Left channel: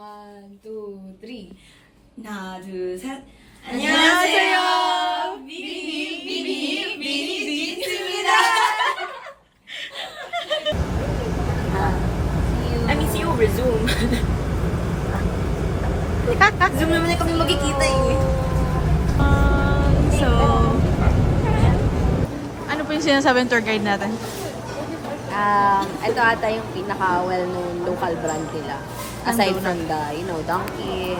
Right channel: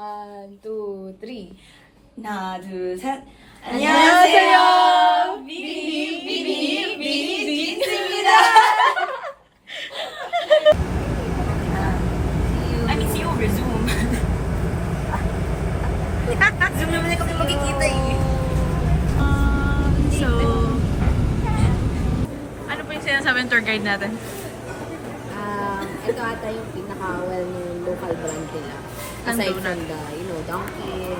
One, two, three. 하나, 둘, 셋. 안녕하세요. 비비입니다. Let me see over Zoom. Zoom naman na kami magkikita eh. So, ano po yung sinasabi ng tour guide natin? Ito ata yung pinaka well-known local brand nila. Aside from the, Dunkin.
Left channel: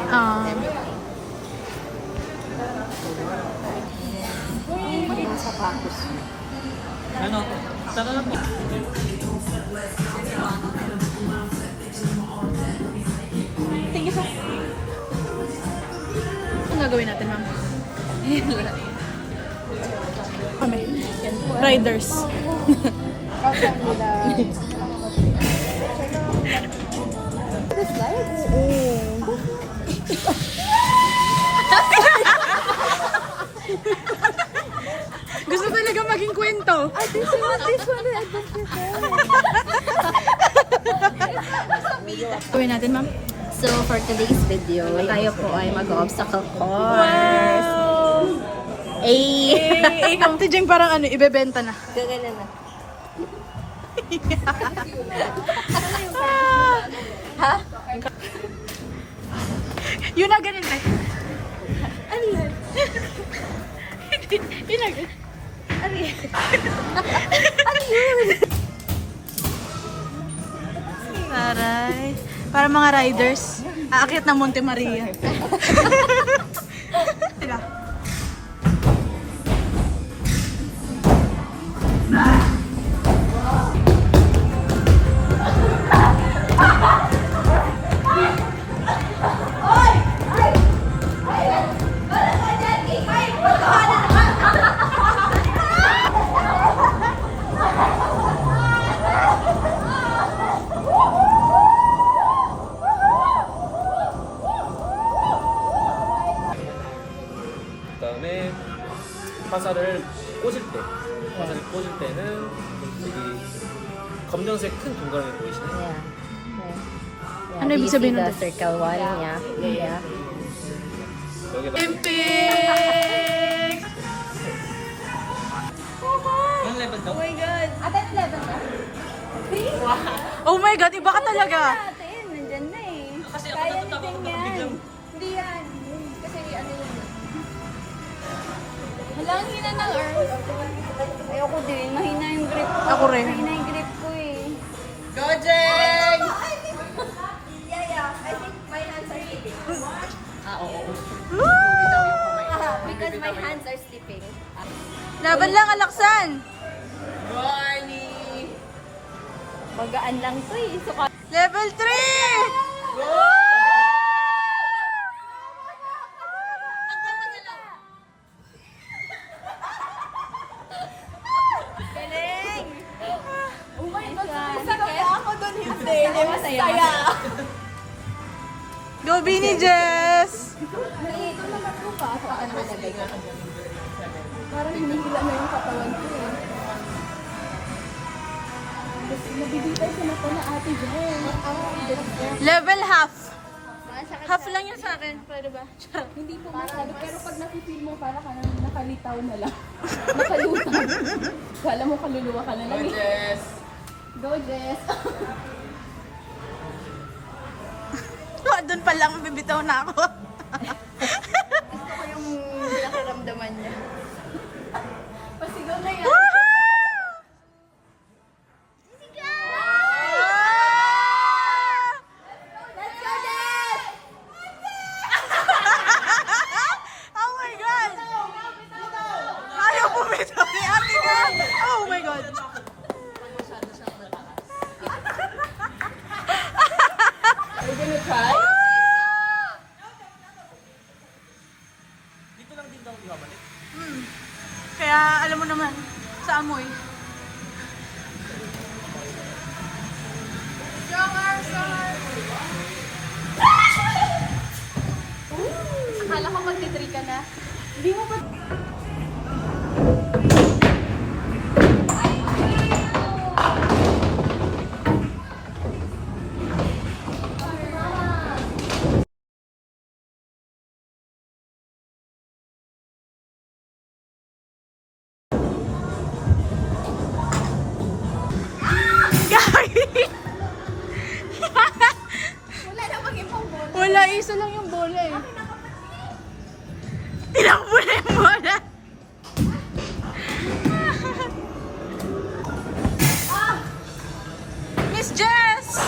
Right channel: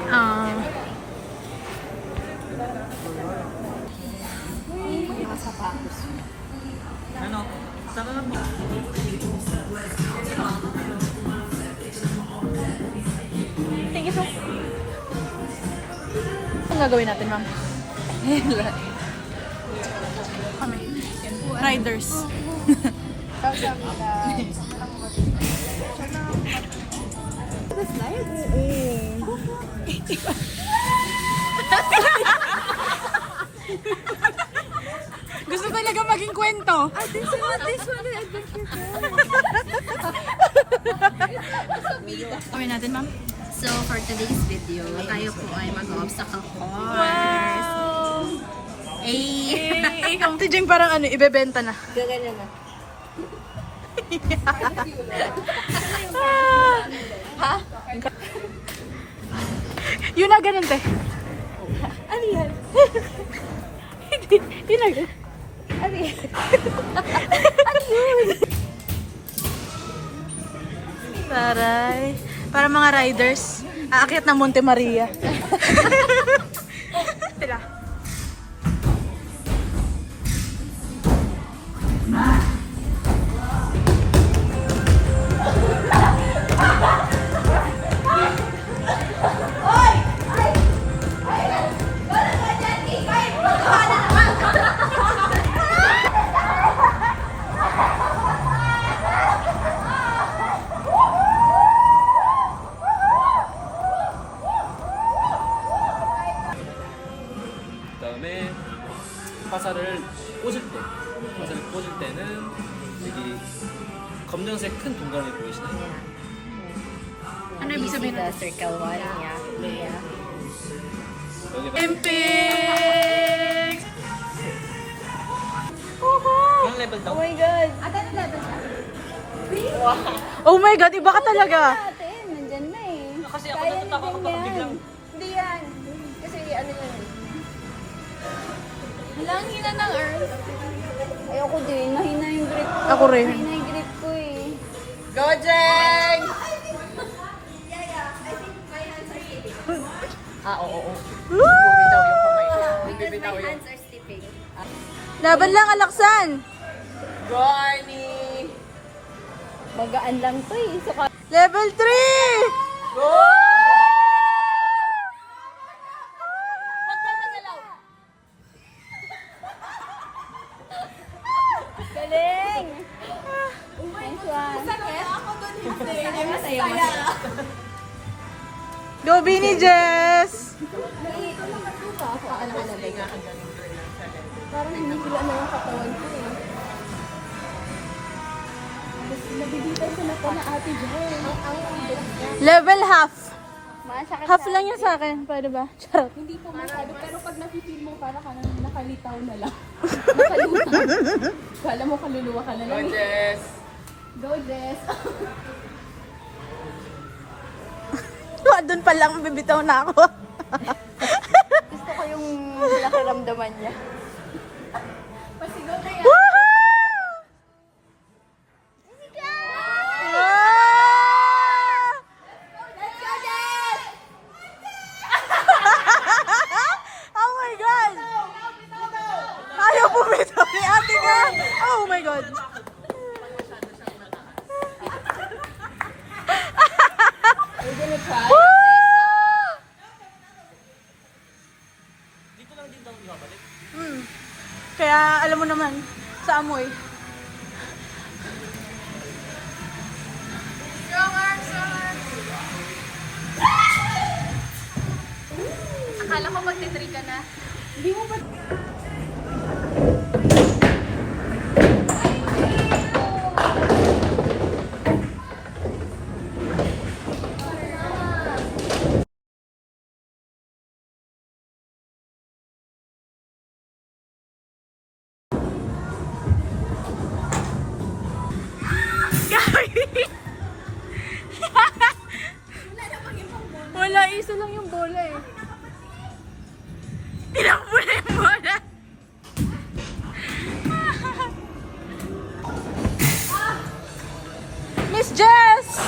Yung sa cactus. Thank you po. Anong gagawin natin, ma'am? Kami. Riders. Gusto talaga maging kwento. This one, adventure Gawin natin, ma'am. So, for today's video, tayo po ay mag-obstacle course. Wow! Ay! Ikaw, Jeng, parang ibebenta na. Gagana na. Ha? Yun na, ganun, te. Ano yan? Yun na, ganun. Ano yan? Taray. Para mga riders. Aakyat ng Monte Maria. Sila. 그다음에 화살을 꽂을 때는 여기 검정색 큰 동그라미 보이시나요? Ano ibig sabihin the nito? circle one? Yeah. 여기다 Olympics! Oh my God, iba ka talaga. Nandyan na eh. Kaya ni Jeng yan. Hindi yan. Kasi ano ko. Hala, ang hina ng earth. Ayoko din. Mahina yung grip ko. Ako rin. Mahina yung grip ko eh. Go, Jeng! Because my hands are sleeping. Laban lang, Alaksan! Barney! Bagaan lang to eh. So, Level 3! galing! Oh my God. Sakit? Ako doon hindi. Hindi masaya. Go, Bini Jess! Ito nakatupa ako. Ano nalagay ko? Parang hinihila na yung katawan ko eh. Tapos nabibitay ko na pa na ate Jen. Level half. Half lang yun sa akin. Paano ba? Hindi po masyado. Pero pag nafe-feel mo, para ka nang nakalitaw na lang. Nakalutang. Kala mo kaluluwa ka na lang eh. Jess! Go, Jess! Doon pa lang, bibitaw na ako. Gusto ko yung nakaramdaman niya. Pasigaw na yan. Let's go, Jess! Oh my God! Ayaw bumitaw ni ate nga! Oh my God! Are you gonna try? Miss Jess!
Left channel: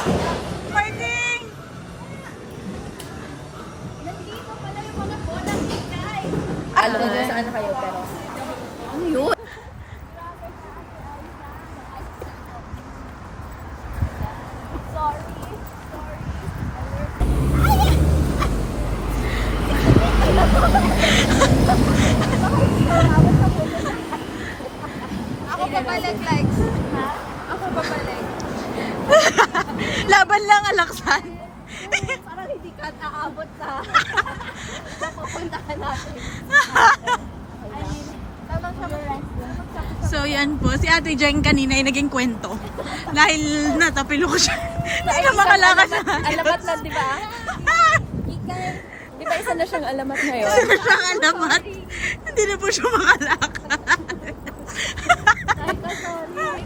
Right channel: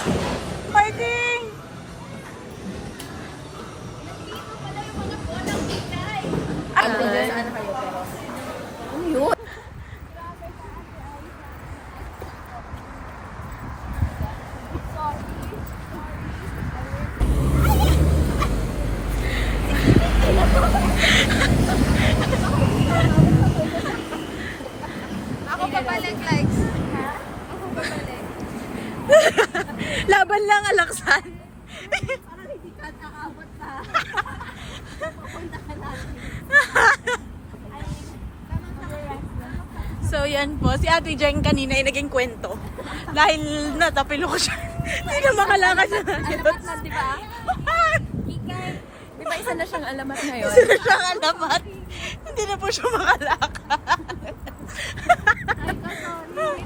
Fighting! Alam niyo saan kayo pero. Ano yun? Ako babalik, Lex. Ha? Ako babalik. Laban lang, Alaksan. Parang hindi ka aabot na. Pupuntahan natin. Tamang So yan po, si Ate Jen kanina ay naging kwento. Dahil natapilo ko siya. Hindi na makalakad siya. alamat na, di ba? Di ba isa na siyang alamat ngayon? Siyang alamat. Hindi na po siya makalakad. Ay, ka, sorry.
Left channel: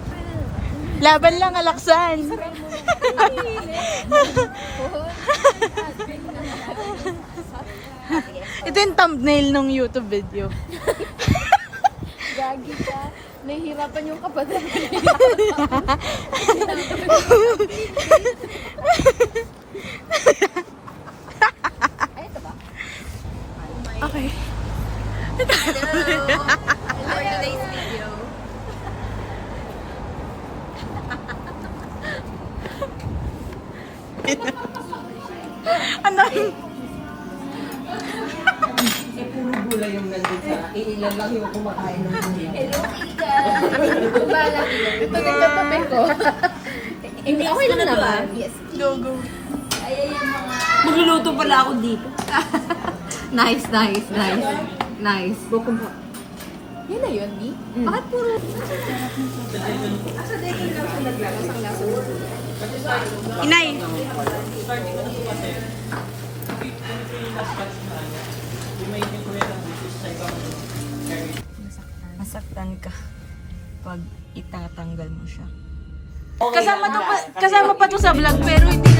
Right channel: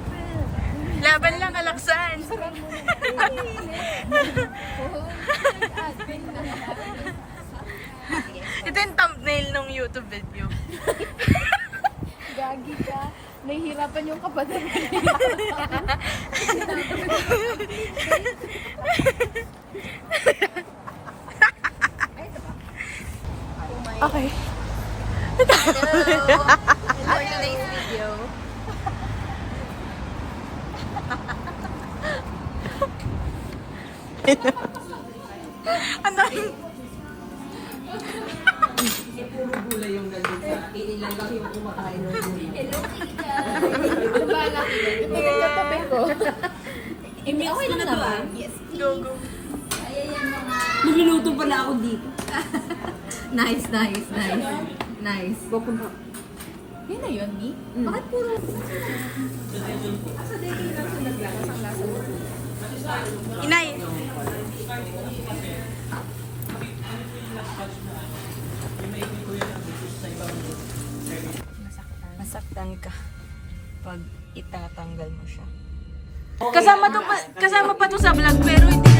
Laban lang, Alaksan. Ito yung thumbnail ng YouTube video. Gagi ka. Nahihirapan yung kapatid ko. Okay. For today's video. Ano? Bala. Ito din katabi ko. Hindi, okay lang naman. Go, go. Magluluto pala ako dito. Nice. Nice. Bukumpa. Yun na yun, Ni? Bakit puro... Inay. Masaktan ka pag itatanggal mo siya. Kasama pa to sa vlog pero hindi